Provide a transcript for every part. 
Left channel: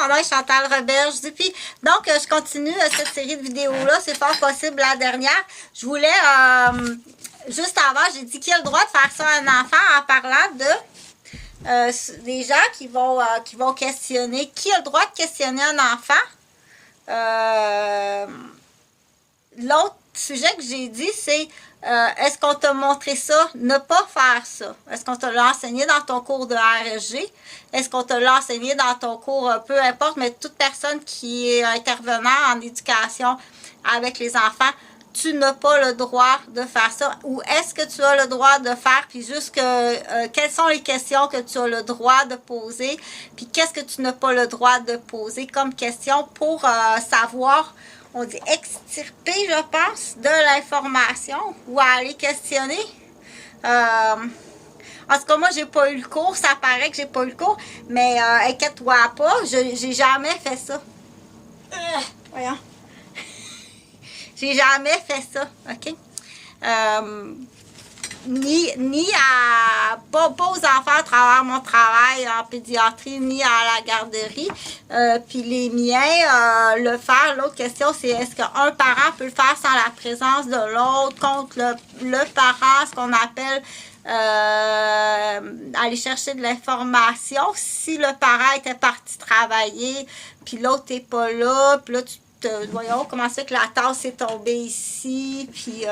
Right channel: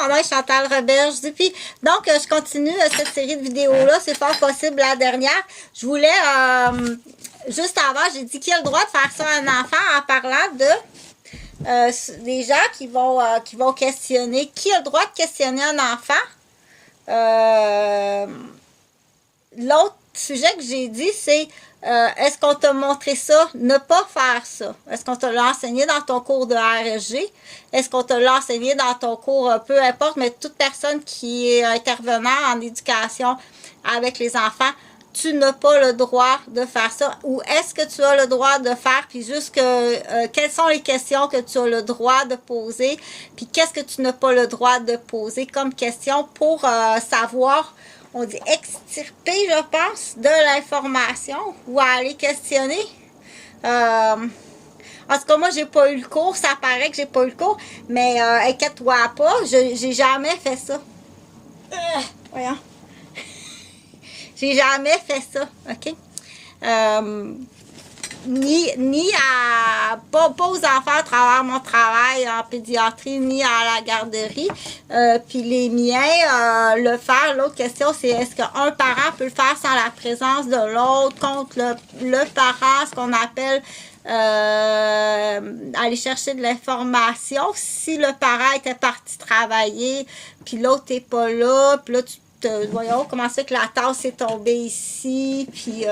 mon nom est Chantal Roberge. Puis, donc, je continue cette série de vidéos-là. C'est fort possible la dernière. Je voulais, juste avant, j'ai dit qui a le droit de faire ça à un enfant en parlant de des gens qui vont questionner. Qui a le droit de questionner un enfant? L'autre sujet que j'ai dit, c'est est-ce qu'on t'a montré ça? Ne pas faire ça. Est-ce qu'on te l'a enseigné dans ton cours de RSG? Est-ce qu'on te l'a enseigné dans ton cours, peu importe, mais toute personne qui est intervenant en éducation avec les enfants, tu n'as pas le droit de faire ça. Ou est-ce que tu as le droit de faire, puis juste que quelles sont les questions que tu as le droit de poser, puis qu'est-ce que tu n'as pas le droit de poser comme question pour savoir, on dit extirper, je pense, de l'information ou aller questionner. En tout cas, moi, j'ai pas eu le cours. Ça paraît que j'ai pas eu le cours. Mais inquiète-toi pas, j'ai jamais fait ça. Voyons. J'ai jamais fait ça, OK? Ni pas aux enfants à travers mon travail en pédiatrie, ni à la garderie. Puis les miens, le faire. L'autre question, c'est est-ce qu'un parent peut le faire sans la présence de l'autre contre le parent, ce qu'on appelle aller chercher de l'information. Si le parent était parti travailler, puis l'autre n'est pas là, puis là, voyons comment c'est que la tasse est tombée ici, puis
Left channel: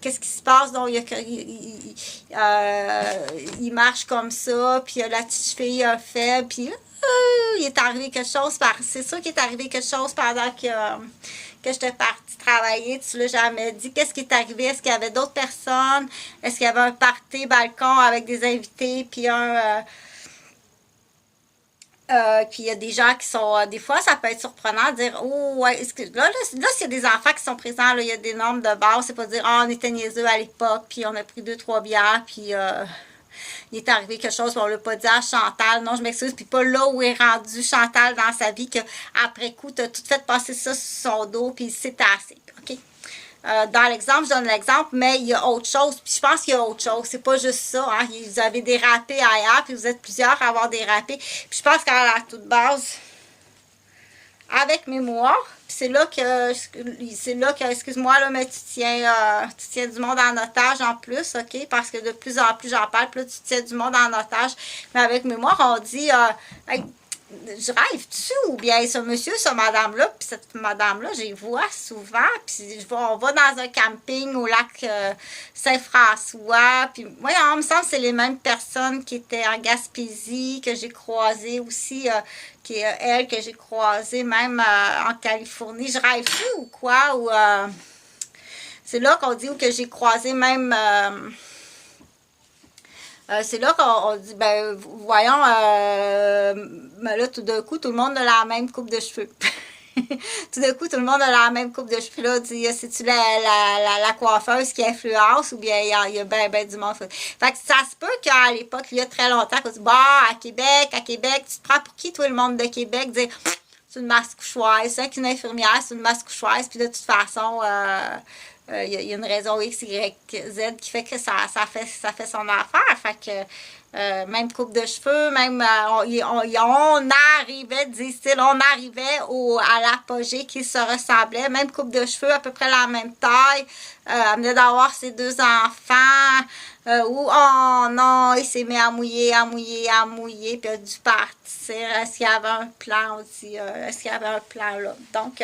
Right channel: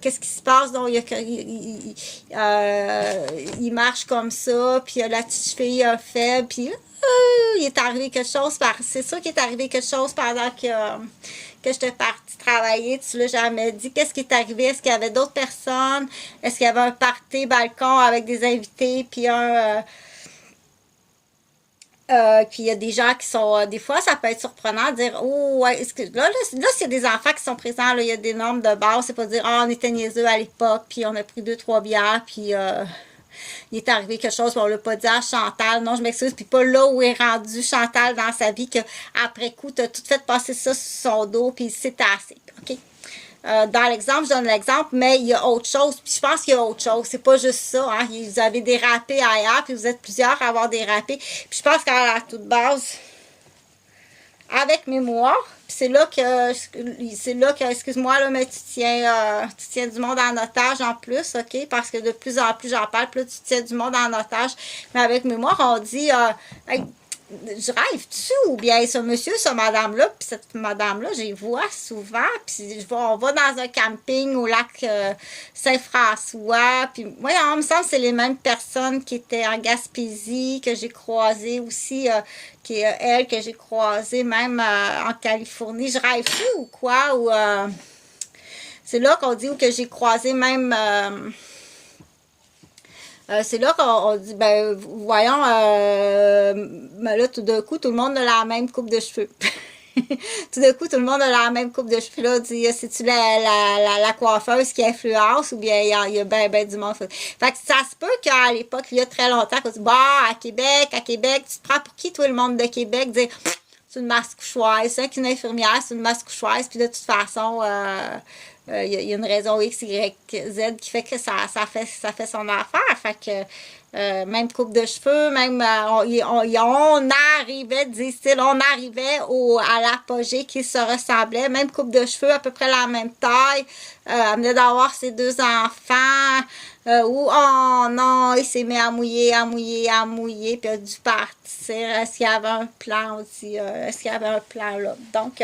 qu'est-ce qui se passe, donc il marche comme ça, puis la petite fille a fait, puis il est arrivé quelque chose, c'est sûr qu'il est arrivé quelque chose pendant que j'étais partie travailler, tu l'as jamais dit, qu'est-ce qui est arrivé, est-ce qu'il y avait d'autres personnes, est-ce qu'il y avait un party balcon avec des invités, puis puis il y a des gens qui sont, des fois, ça peut être surprenant de dire, oh, ouais, est-ce que là, s'il y a des enfants qui sont présents, là, il y a des normes de base, c'est pas dire, on était niaiseux à l'époque, puis on a pris 2-3 bières, puis il est arrivé quelque chose, puis on l'a pas dit à Chantal, non, je m'excuse, puis pas là où est rendu Chantal dans sa vie, que après coup, t'as tout fait passer ça sur son dos, puis c'est assez, OK? Dans l'exemple, je donne l'exemple, mais il y a autre chose. Puis je pense qu'il y a autre chose. C'est pas juste ça. Hein. Vous avez dérapé ailleurs, puis vous êtes plusieurs à avoir dérapé. Puis je pense qu'à la toute base, avec mémoire, puis c'est là que, excuse-moi, là, mais tu tiens du monde en otage en plus, OK? Parce que de plus en plus j'en parle, puis là, tu tiens du monde en otage. Mais avec mémoire, on dit, hey, je rêve-tu ou bien ce monsieur, ce madame-là, puis cette madame-là, je les vois souvent, puis on va dans un camping au lac Saint-François, puis moi, il me semble que c'est les mêmes personnes qui étaient en Gaspésie, que j'ai croisées aussi, qui est elle que j'ai croisée même en Californie. Je rêve-tu ou quoi? Ou c'est là qu'on dit, ou que j'ai croisé même... c'est là qu'on dit, ben, voyons, ben là, tout d'un coup, tout le monde a la même coupe de cheveux. Tout d'un coup, tout le monde a la même coupe de cheveux. Là, dit, c'est-tu la coiffeuse qui influence ou bien il y a ben du monde. Fait que ça se peut qu'à l'époque, il y a très longtemps, qu'on dit, bah, à Québec, tu te prends pour qui, toi, le monde de Québec? Dire, c'est une masque-couchoise, c'est une infirmière, c'est une masque-couchoise, puis de toute façon, il y a une raison X, Y, Z qui fait que ça fait son affaire. Fait que même coupe de cheveux, même on arrivait, disent-ils, à l'apogée qui se ressemblait, même coupe de cheveux, à peu près la même taille, elle venait d'avoir ses 2 enfants, oh non, il s'est mis à mouiller, puis il a dû partir. Est-ce qu'il y avait un plan aussi? Est-ce qu'il y avait un plan là? Donc,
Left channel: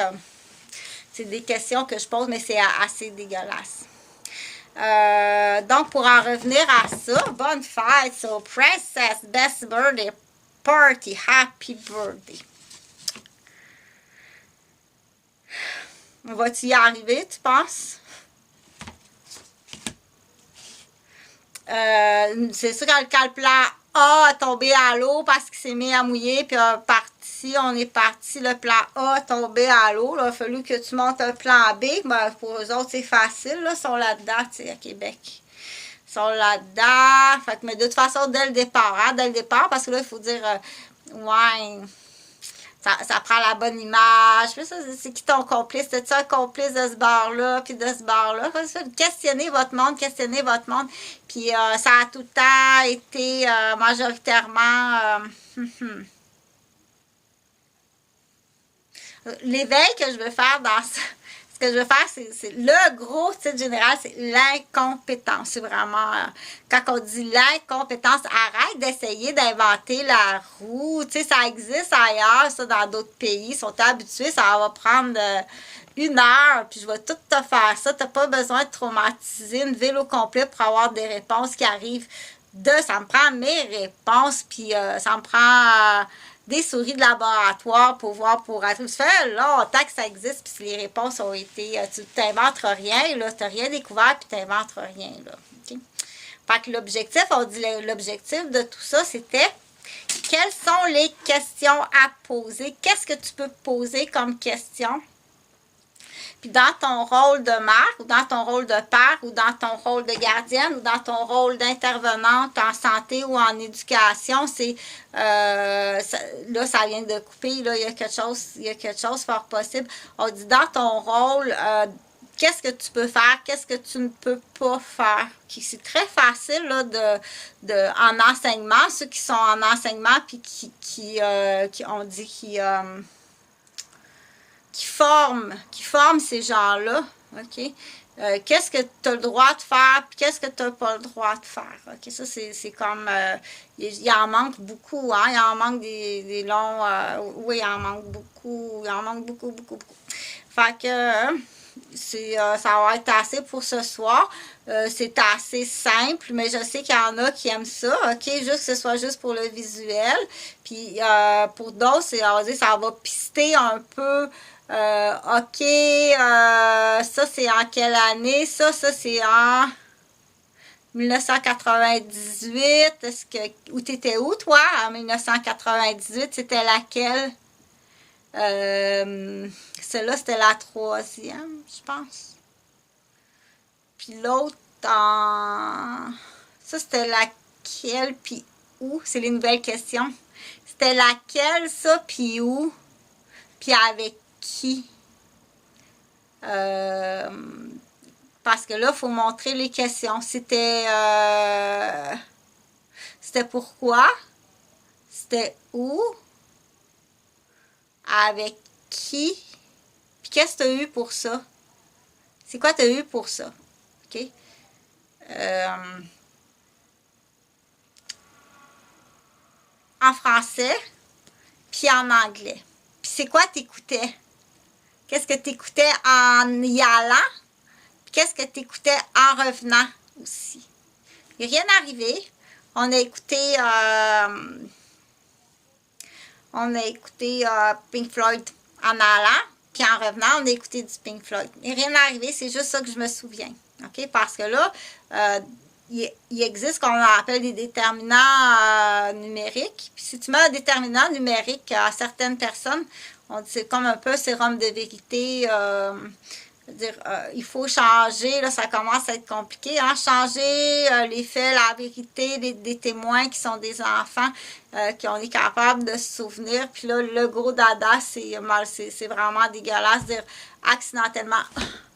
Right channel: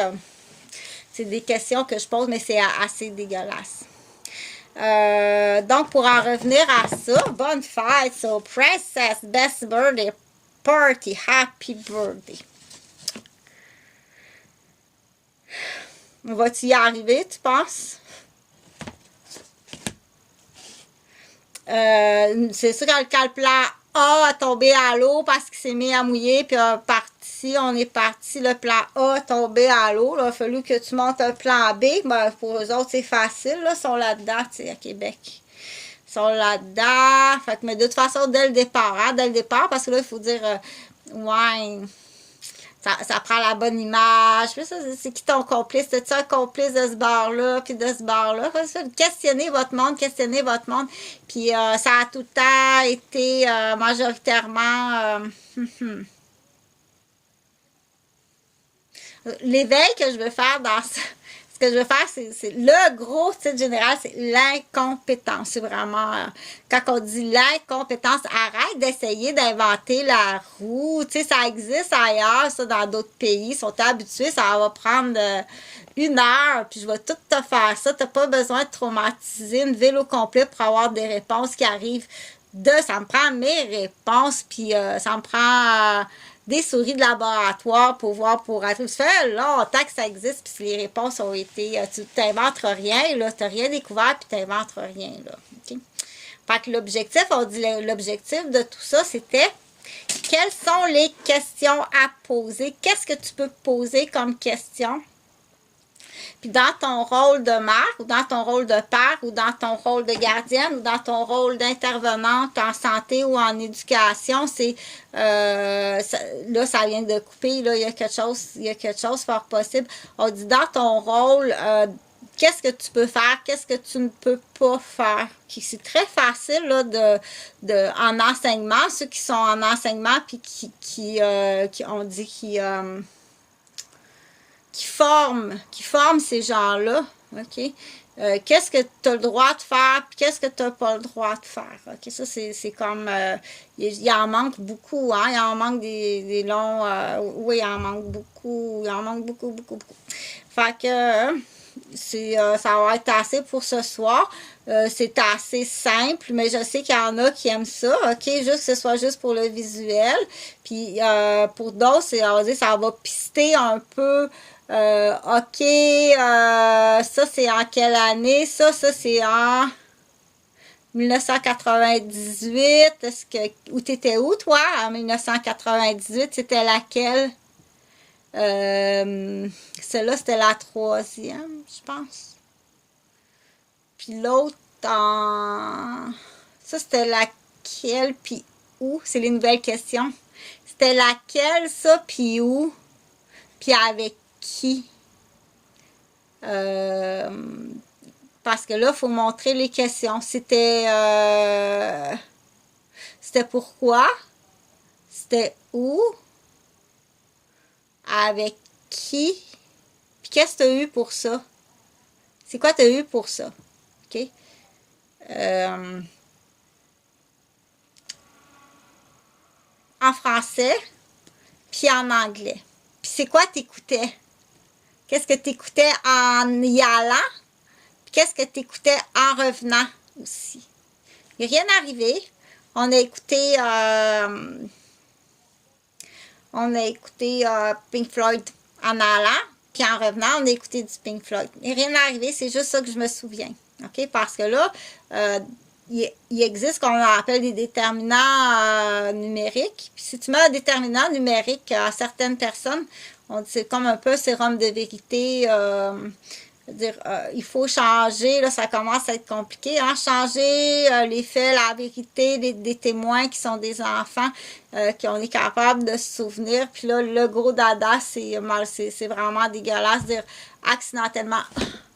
c'est des questions que je pose, mais c'est assez dégueulasse. Donc, pour en revenir à ça, bonne fête, so Princess, best birthday party, happy birthday. Va-tu y arriver, tu penses? C'est sûr quand le plan A a tombé à l'eau parce qu'il s'est mis à mouiller, puis on est parti, le plan A a tombé à l'eau, il a fallu que tu montes un plan B, ben, pour eux autres, c'est facile, là, ils sont là-dedans, tu sais, à Québec. Ils sont là-dedans, fait que, mais de toute façon, dès le départ, parce que là, il faut dire, ouais, ça prend la bonne image. C'est qui ton complice? C'est-tu un complice de ce bar-là, puis de ce bar-là? Questionnez votre monde. Puis ça a tout le temps été majoritairement... L'éveil que je veux faire dans ça, ce que je veux faire, c'est le gros titre général, c'est l'incompétence. C'est vraiment, quand on dit l'incompétence, arrête d'essayer d'inventer la roue. Tu sais, ça existe ailleurs, ça, dans d'autres pays. Ils sont habitués, ça va prendre 1 heure, puis je vais tout te faire ça. T'as pas besoin de traumatiser une ville au complet pour avoir des réponses qui arrivent ça me prend mes réponses, puis ça me prend des souris de laboratoire pour voir, pour être. Ça fait longtemps que ça existe, puis les réponses ont été. Tu t'inventes rien, là. Tu n'as rien découvert, puis tu n'inventes rien, là. OK? Fait que l'objectif, on dit l'objectif de tout ça, c'était quelles sont les questions à poser? Qu'est-ce que tu peux poser comme question? Puis dans ton rôle de mère, ou dans ton rôle de père, ou dans ton rôle de gardienne, ou dans ton rôle d'intervenante en santé ou en éducation, c'est là, ça vient de couper, là, il y a quelque chose fort possible. On dit dans ton rôle, qu'est-ce que tu peux faire, qu'est-ce que tu ne peux pas faire. C'est très facile là, en enseignement, ceux qui sont en enseignement, puis qui on dit qui forment ces gens-là, OK? Qu'est-ce que tu as le droit de faire, puis qu'est-ce que tu n'as pas le droit de faire, OK? Ça, c'est comme, il en manque beaucoup, hein? Il en manque des longs, oui, il en manque beaucoup, beaucoup. Fait que, ça va être assez pour ce soir. C'est assez simple, mais je sais qu'il y en a qui aiment ça, OK? Juste que ce soit juste pour le visuel. Puis, pour d'autres, ça va pister un peu. OK, ça c'est en quelle année? Ça c'est en 1998. Où t'étais où, toi, en 1998? C'était laquelle? Celle-là, c'était la 3e, je pense. Puis l'autre, ça, c'était laquelle, puis où? C'est les nouvelles questions. C'était laquelle, ça, puis où? Puis avec qui? Parce que là, il faut montrer les questions. C'était pourquoi? C'était où? Avec qui? Puis qu'est-ce que tu as eu pour ça? C'est quoi tu as eu pour ça? OK? En français, puis en anglais. Puis c'est quoi t'écoutais? Qu'est-ce que t'écoutais en y allant? Puis qu'est-ce que t'écoutais en revenant aussi? Il n'y a rien arrivé. On a écouté Pink Floyd en allant, puis en revenant, on a écouté du Pink Floyd. Il n'y a rien arrivé, c'est juste ça que je me souviens. OK? Parce que là, il existe ce qu'on appelle des déterminants numériques. Puis si tu mets un déterminant numérique à certaines personnes, c'est comme un peu un sérum de vérité. Il faut changer, là, ça commence à être compliqué, hein, changer les faits, la vérité des témoins qui sont des enfants, qu'on est capable de se souvenir. Puis là, le gros dada, c'est vraiment dégueulasse, dire accidentellement,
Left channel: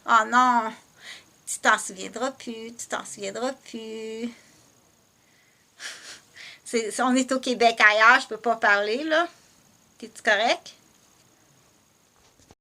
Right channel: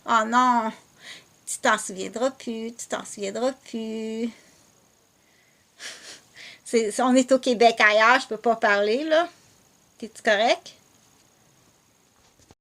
oh non, tu t'en souviendras plus. On est au Québec ailleurs, je peux pas parler, là. T'es-tu correct?